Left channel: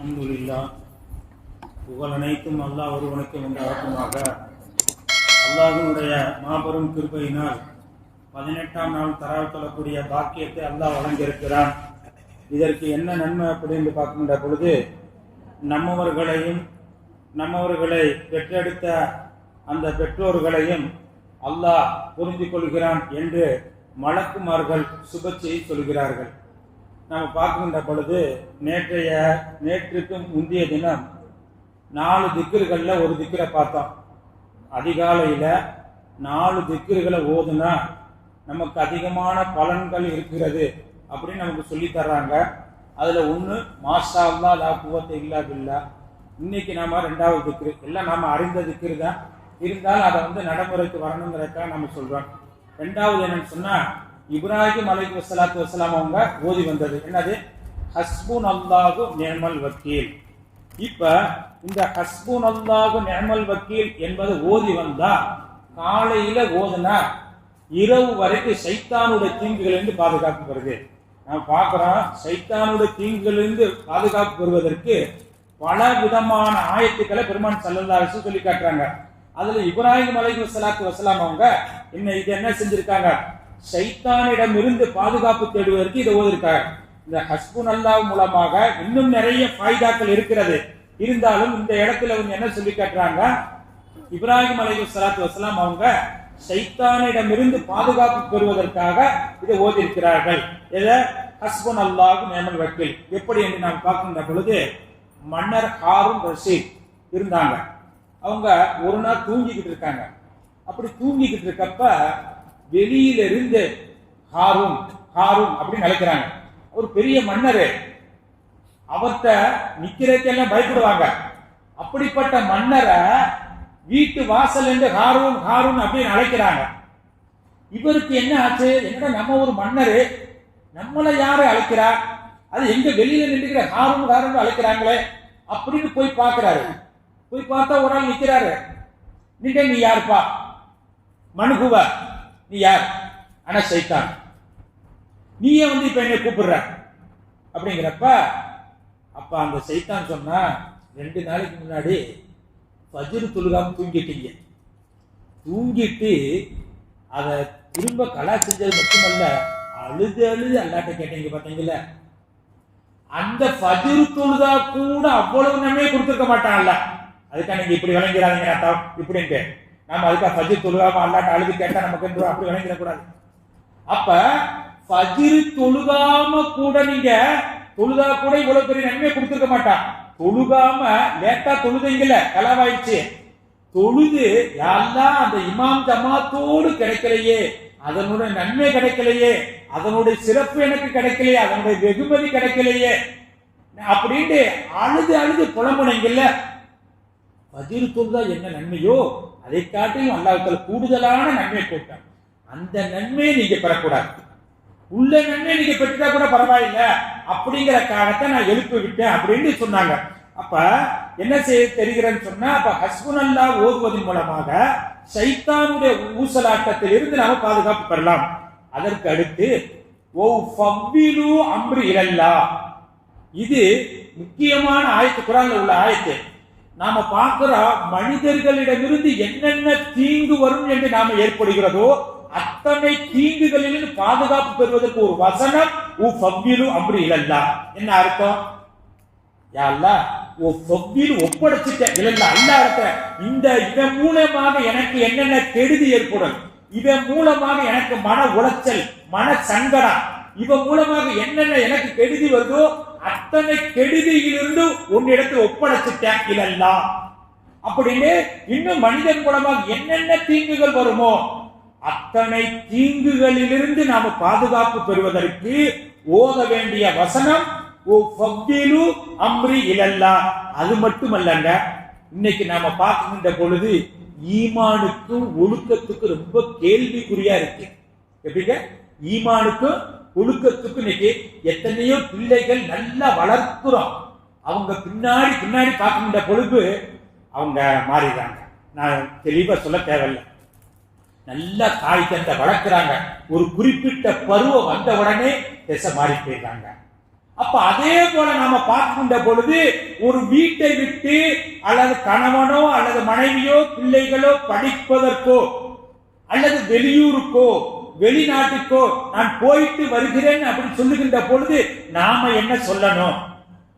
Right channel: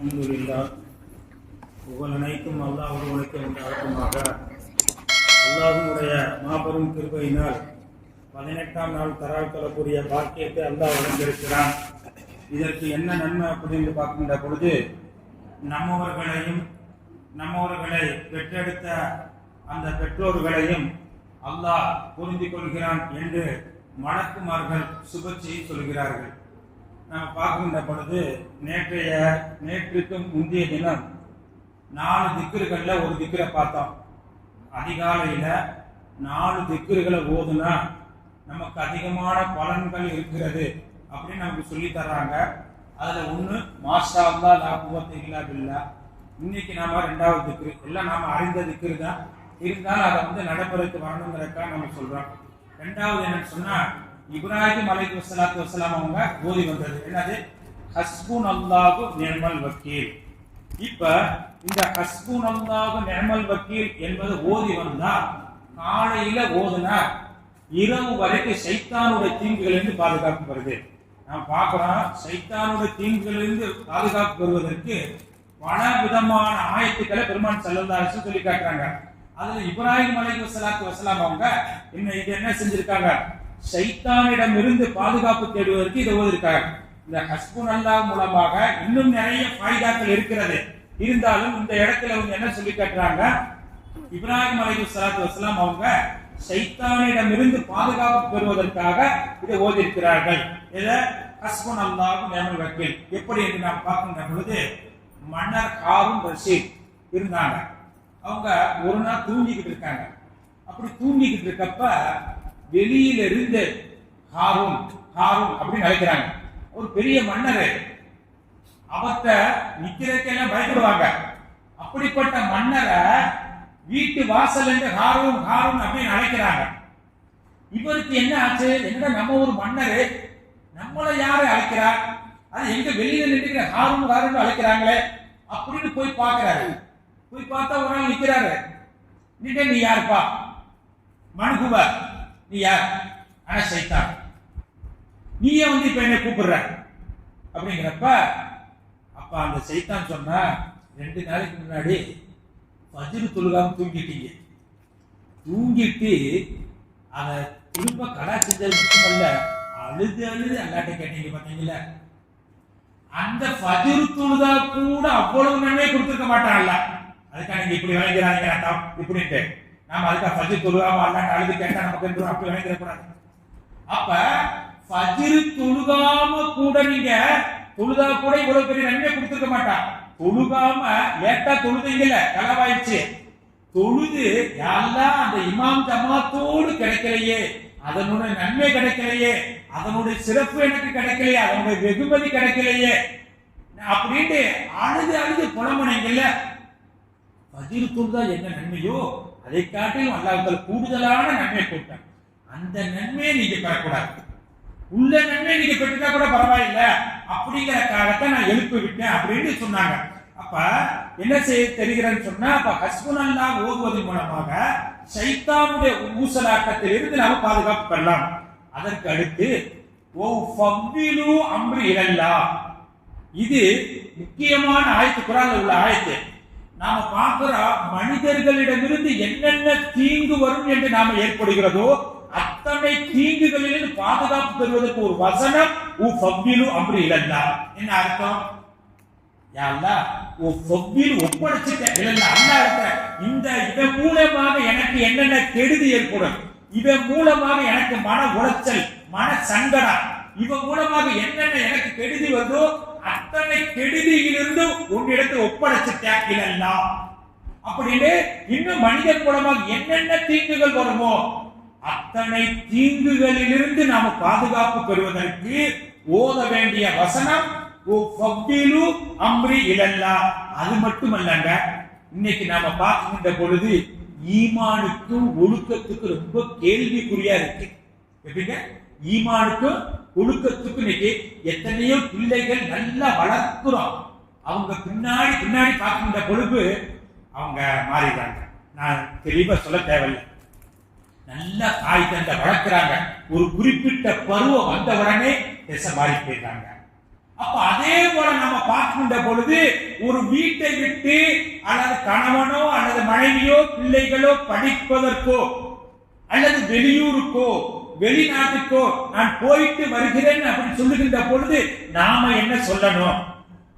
அல்ஹம்துலில்லாஹ். புகழ் அனைத்தும் அல்லாஹ் ஒருவனுக்கு உண்டாகுமாக. அல்லாஹ்வுடைய மாபெரும் கிருபையினால் 18ஆம் நாள் தராவ் தொழக்கூடிய பாக்கியத்தை அல்லாஹ் வழங்கியிருக்கிறான். இதற்கு என்ன நன்மை அப்படின்னு பார்க்கின்ற பொழுது, நம்மவர்களை பெற்றெடுத்த அந்த பெற்றோர்களையும் அல்லாஹ் புரிந்து கொள்கிறான் என்று மலக்குமார்கள் சுபச்செய்தி சொல்கிறார்கள். நாம் பார்க்கின்ற பொழுது நேற்றுக்கும் முந்தைய தினம் 4 திக்ருகளில் ஒரு திக்ரை பார்த்தோம். அதிகாலையில் 4 திக்ருகளை ஓதுனா நமக்கு அதிகமான பலன்கள் இருக்கிறது அப்படின்னு நமக்கு சொல்லி தர்றாங்க. அதுல ஒண்ணு மாஷா அல்லாஹ் லா குவத்த இல்லா பில்லா. இன்னைக்கு நாம 2வது திக்ரு, எல்லாம் நாம அறிந்த திக்ரு தான், இருந்தாலும் அதை நடைமுறைக்கு வரணுங்கிறதுக்காக நம்ம சொல்றோம். 2வது என்னன்னு சொன்னா, இப்ராஹிம் அலைஹிஸ்ஸலாத்து வஸ்ஸலாம் அவங்க ஓதி வந்தது என்னது, ஹஸ்புனல்லாஹு நிஅமல் வக்கீல். இப்ப இந்த ஹஸ்புனல்லாஹு நிஅமல் வக்கீல் என்பது ஓதி வந்தா, காலையில ஓதுனா இரவு வரைக்கும் சைத்தானுடைய தீங்குகளிலிருந்து பாதுகாப்பு பெறுது. நாம் பார்க்கிறோம், சைத்தானுடைய தீங்குகளிலிருந்து பாதுகாப்பு பெறுவதற்கு பல விதமான ஆயத்துக்களை பெருமான் ஸல்லல்லாஹு அலைஹி வஸல்லம் சொல்லி காட்டுறாங்க. அதுல இப்ராஹிம் அலைஹிஸ்ஸலாத்து வஸ்ஸலாம் அவங்க இது என்ன செஞ்சிருக்காங்க, சைத்தானிடம் இருந்து பாதுகாப்பு தேடுவதற்கு இதை ஓதிருக்காங்க. இந்த ஹஸ்புனல்லாஹ் மூலமாக இன்னும் நிறைய ஃபாயிதாக்கள் இருக்கிறது. இருந்தாலும் இந்த இடத்துல என்ன சொல்லி காட்டுறாங்க, இப்ராஹிம் அலைஹிஸ்ஸலாத்து வஸ்ஸலாம் அவங்க சைத்தானிடம் இருந்து பாதுகாப்பு பெறுவதற்காக இதை ஓதி இருக்கிறார்கள். இத ஹஸ்புனல்லாஹு நிஅமல் வக்கீல். எப்படி என்று நாம் பார்க்கின்ற பொழுது, மன்னர் ஹாரூன் ரஷீத் இருந்தாங்க. அவங்க ஒரு நாள் தூங்கிக்கிட்டு இருக்காங்க. அப்படி தூங்கிக்கிட்டு இருக்கப்ப வெளியில இருந்து ஹாரூன் அப்படின்னு நினைக்கிறாங்க. ஒரு பெரிய மன்னர், அவர்கிட்ட நிக்கிறதுக்கெல்லாம் பயப்படுவாங்க. அப்படிப்பட்ட மன்னரை வீட்டு வாசல் என்று ஹாரூன் அப்படின்னு அழைக்கிறாங்க. இவருக்கு என்ன ஆச்சு, என்னடா நம்ம ஒரு மன்னரு, நம்மளை யாரு அழைக்கிறா, அது எங்க வெளியில நின்று ஹாரூன் அழைக்கிறாங்களே அப்படின்னு போய் பார்க்கிறாரு. போய் பார்த்தா ஒரு ஆள் நிக்கிறாரு. நீ யாருப்பா? மனுகுவ, நீ யார்? ஆனா சைத்தான், நீயே இப்ப என்னை கூப்பிடுற அப்படிங்கிறப்ப, அப்ப அந்த சைத்தான் சொன்னா, 2 நாளைக்கு முன்னாடி ஃபஜ்ர் தொழுகாம தூங்கிட்டீங்க. தூங்கிட்டு அதை திரும்ப கலா செஞ்சது மட்டுமல்ல, அழுது அல்லாட்ட கேட்டீங்க பாத்தீங்களா, அந்த ஃபஜ்ர் தொழுதா கூட அவ்வளவு நன்மை கொடுத்துருக்க மாட்டான்ல. அதுக்காக நீங்க இப்படி விளங்கிறாங்க இப்படின்ட்டு நாம அதுக்காக ஃபஜ்ர் தொழுகாம அல்லாட்ட அழுது கேட்டா நமக்கு அப்படி விளங்கிட கூடாது. அப்ப ஃபஜ்ர் தொழுகாம கூட நீங்க தொழுதா கூட இவ்வளவு பெரிய நன்மை கொடுத்துருக்க மாட்டான். தொழுகாம லேட்டா தொழுதைங்கள கலவாயிடுச்சு, தொழுது யாரெல்லாம் அந்த இமாம் ஜமாத்தோடு கிடைக்கலையே, அதனுடைய நன்மை கிடைக்கலையே, அதனுடைய சிறப்பு எனக்கு கிடைக்கலையே, அதனுடைய வெகுமதி கிடைக்கலையே அப்படின்ட்டு அழுது புலம்புனீங்கல்ல. ஃபஜ்ர் தொழுதா என்ன நன்மையோ அதை காட்டிலும் அல்லாஹ் கூடுதலான நன்மை கொடுத்தான். அந்த நன்மையை நீங்க பெறக்கூடாது. உள்ள நன்மை நீங்க பெற்றுட்டா கூட பரவாயில்ல அப்படிங்கிற காரணத்தை நான் எழுப்பி விட்டேன் அப்படின்னு சொன்னாங்க. அப்ப என்ன செய்ய தெரிகிறேன்னு சொன்னா, அப்ப ஹஸ்புனல்லாஹ் ஓதுவதன் மூலமாக சைத்தானுடைய ஊசலாட்டத்தில் இருந்து நாம பாதுகாப்பு பெறலாம். அதற்கு அடுத்து ஃபவ்விலு அம்ரி இலல்லாஹ், இது முக்கியமான ஆயத்து, குர்ஆன்ல உள்ள ஆயத்து. நாம பார்க்கிற மனிதர்களிடமிருந்து என்னென்ன தீங்கு வரும் என்று நாம ஏற்படுகிறதோ அத்தனை தீங்குகளிலிருந்து பாதுகாப்பு பெறுவதற்கு ஒரு வசனம் ஃபவ்விலு அம்ரி இலல்லாஹ். என்ன அர்த்தம்? யா அல்லாஹ், ஒப்படைச்சிட்டேன் அல்லாஹ் இருக்க, இதன் மூலமாக எனக்கு என்னென்ன கெடுதி ஏற்படும், இதன் மூலமாக எனக்கு மன உளைச்சல், மன சங்கடம், இவன் மூலமாக என்னென்ன எனக்கு கெடுதி வருதோ அத்தனை கெடுதியிலிருந்து உன்னிடத்தில் ஒப்படைச்சிட்டேன் இலல்லாஹ் அப்படின்னு. இன்னும் மனிதன் மூலமாக என்னென்ன தீங்குகள் வருமோ அத்தனை தீங்குகளிலிருந்து நாம் பாதுகாப்பு பெறுவதற்கு ஓத வேண்டிய வசனம் ஃபவ்விலு அம்ரி இலல்லாஹ். அது மட்டுமல்லங்க, இன்னைக்கு நாம பார்க்கின்ற பொழுது ஈமானுக்கும் ஒழுக்கத்துக்கு ரொம்ப கேள்விக்குறியா இருக்கு. எப்படிங்க ஈமானுக்கும் ஒழுக்கத்துக்கு இன்னைக்கு எத்தனையோ பிள்ளைகள் நல்லா வளர்க்கிறோம், அவங்க பின்னாடி பார்க்கின்ற பொழுது அவங்க மாறிடுறாங்க. நான் தெளிவா சொல்ல தேவையில்லை, நல்லா தாய் தந்தை வளர்க்கிறாங்க, ஒரு குறிப்பிட்ட பருவம் வந்த உடனே திசை மாறி போயிட்டாங்க. அப்ப அதே போல நாம பார்க்கின்ற பொழுது ஒரு வீட்டை விட்டு அல்லது கணவனோ அல்லது மனைவியோ பிள்ளைகளோ படிப்பதற்கோ அல்லது வெளியூருக்கோ வெளிநாட்டுக்கோ நான் போயிட்டு வருகிறேன் அப்படி சொல்லுகின்ற பொழுது நாம என்ன சொல்லணும்?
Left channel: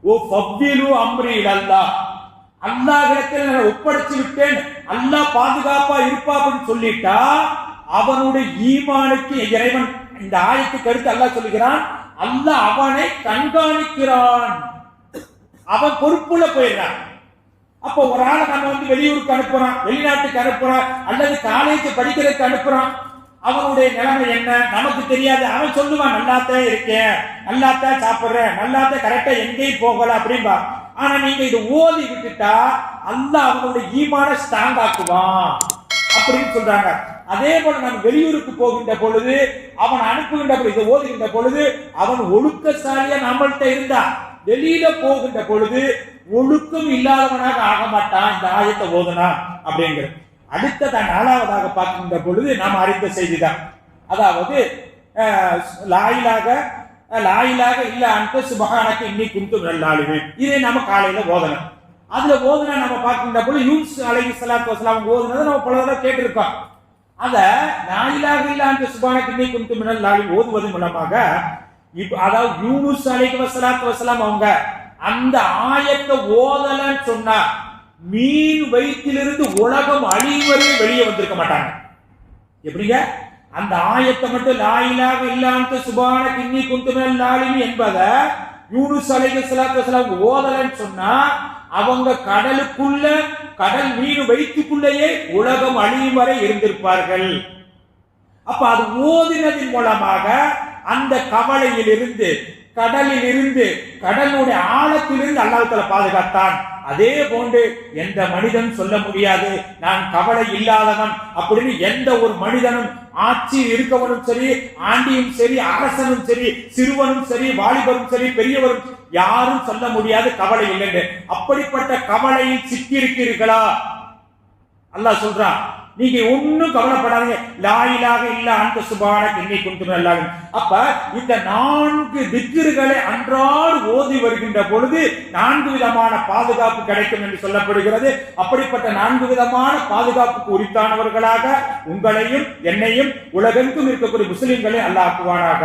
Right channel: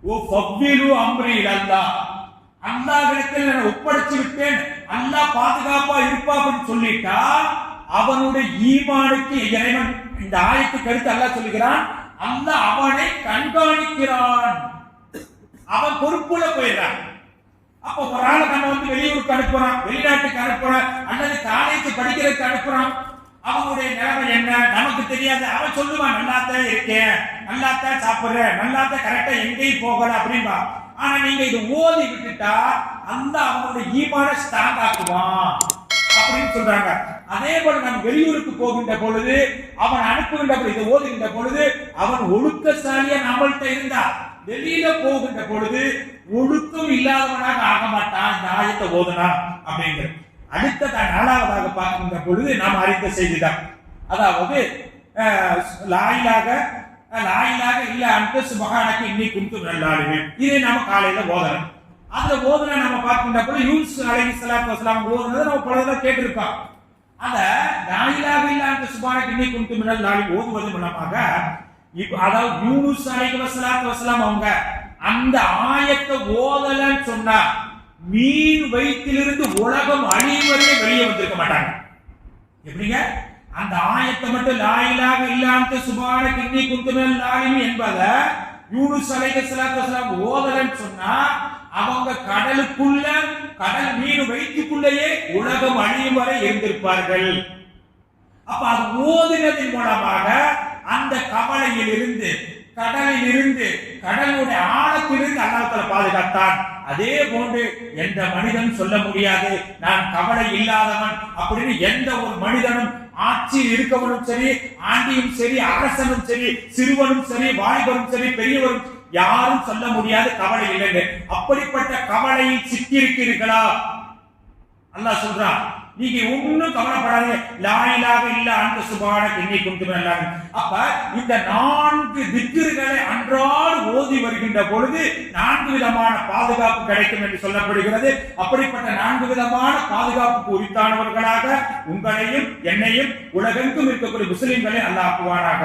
ஓ ஃபவ்வீலு அம்ரி இலல்லாஹ், அல்லாஹ்விடத்தில் நான் ஒப்படைச்சு விட்டேன், அல்லாஹ் பாதுகாப்பா இருப்பா அப்படின்னு சொல்லிட்டா அவனுடைய ஈமானுக்கு இறைவன் இந்த ஆயத்துக்கு அடுத்து அல்லாஹ் சொல்லுகிறான், அல்லாஹ் அவனை கண்காணிக்கிறான், அவன் பொறுப்புல போயிடுறான். அப்போ ஒரு ஆளை நம்ம வெளியூருக்கு அனுப்புறோம், வெளிநாட்டுக்கு அனுப்புறோம், அல்லது காலேஜ் படிக்கிறதுக்கு அனுப்புறோம், அவனுடைய நிலைமை என்ன நமக்கு தெரியாது. அவன் சொல்லுவான், நல்லாத்தான் இருக்கேன், நல்லாத்தான் சாப்பிடுறேன், நல்லாத்தான் கரெக்டா எங்கேயும் போகல அப்படின்பா. ஆனா நீங்க இது ஓதி விட்டுட்டா அல்லாஹ் அவனுடைய ஈமான ஸ்ட்ராங் ஆக்குவான் அப்படின்னு சொல்றாங்க. அதே போல நம்ம வெளியூருக்கு போகின்ற பொழுது அவன் அனுப்புகின்ற பொழுது ஓதுகின்ற பொழுது அவன் ஒழுக்கசாலியா நம்மள்கிட்ட இருந்தா வெளியில போகின்ற பொழுது ஒழுக்கம் இல்லாதவனாக ஆக மாட்டான் இந்த ஆயத்தை ஓதுனா அப்படிங்கிறது. அடுத்ததா நாலாவதாக பார்க்கின்ற பொழுது நாம் அறிந்த செய்திதான், அதாவது லாயிலாக இல்ல அந்த சுபஹானக இன்னி குன்து மினல் இதை நாம காலையில ஓதணும். அதுல ஓதுனா நம்ம பார்க்கின்ற பொழுது யூசுப் அலைஹிஸ்ஸலாத்து வஸலாம் ஓதுனதை நம்ம பல தடவை கேட்டிருப்போம். அத லாயிலாக இல்ல அந்த சுபஹானக இன்னி குன்து மினல் ஓதுவது மூலமாக அதாவது யூனுஸ் அலைஹிஸ்ஸலாத்து வஸலாம் அவங்க அந்த ஆயத்தை ஓதலன்னு சொன்னா மீன் வயிற்றிலிருந்து உலகம் அழிவரை வெளியே வந்திருக்க மாட்டாங்க. எப்படிங்க? அந்த ஆயத்தை மட்டும் லாயிலாக இல்லாத சுபானக இன்னி குன்து மினல் என்பதை யூனுஸ் அலைஹிஸ்ஸலாத்து வஸலாம் ஓதலன்னு சொன்னா அவங்க கடலுக்குள்ள கடல் மீன் வயிற்றுக்குள்ளேயே உலகம் அழியும் வரை இருந்திருப்பார்கள். அப்ப அது ஓதினதின் மூலமாக அந்த கவலையில் இருந்து கடலில் இருந்து கடலுடைய ஆழத்திலிருந்து அல்லாஹ் தஆலா பாதுகாத்தான். அதே போன்று எந்த மனிதனும் சொல்ல முடியாது நான் கவலை இல்லாதவன் அப்படின்னு. எந்த ஒரு மனிதனும் ஆட்சியில் இருக்கவனும் சரி, ஆண்டியும் சரி, அரசனும் சரி, சிறுவனும் சரி, வாலிபரும் சரி, பெரியவரும் யாரும் சொல்ல முடியாது கவலை இல்லை. அப்படிப்பட்ட கவலையில் சிக்கி இருக்கிறீர்களா? அல்லாஹ் சொல்றான், நீங்க ஒண்ணும் கவலைப்படாதீங்க, லாயிலாக இல்ல அந்த சுபானக இன்னி குன்து மினல். அப்ப இந்த 4 திக்ருகளை அன்றாட ஓதி வருகின்ற பொழுது 4 விதமான பாதுகாப்பு கிடைக்கும் என்று சொல்லப்படுகிறது. அப்படிப்பட்ட 4 விதமான பாதுகாப்புக்கு உரித்தானவர்களாக உங்களையும் என்னையும் உலகெங்கும் இருக்கக்கூடிய முஸ்லிம்களை அல்லாஹ் ஆக்குவானாக.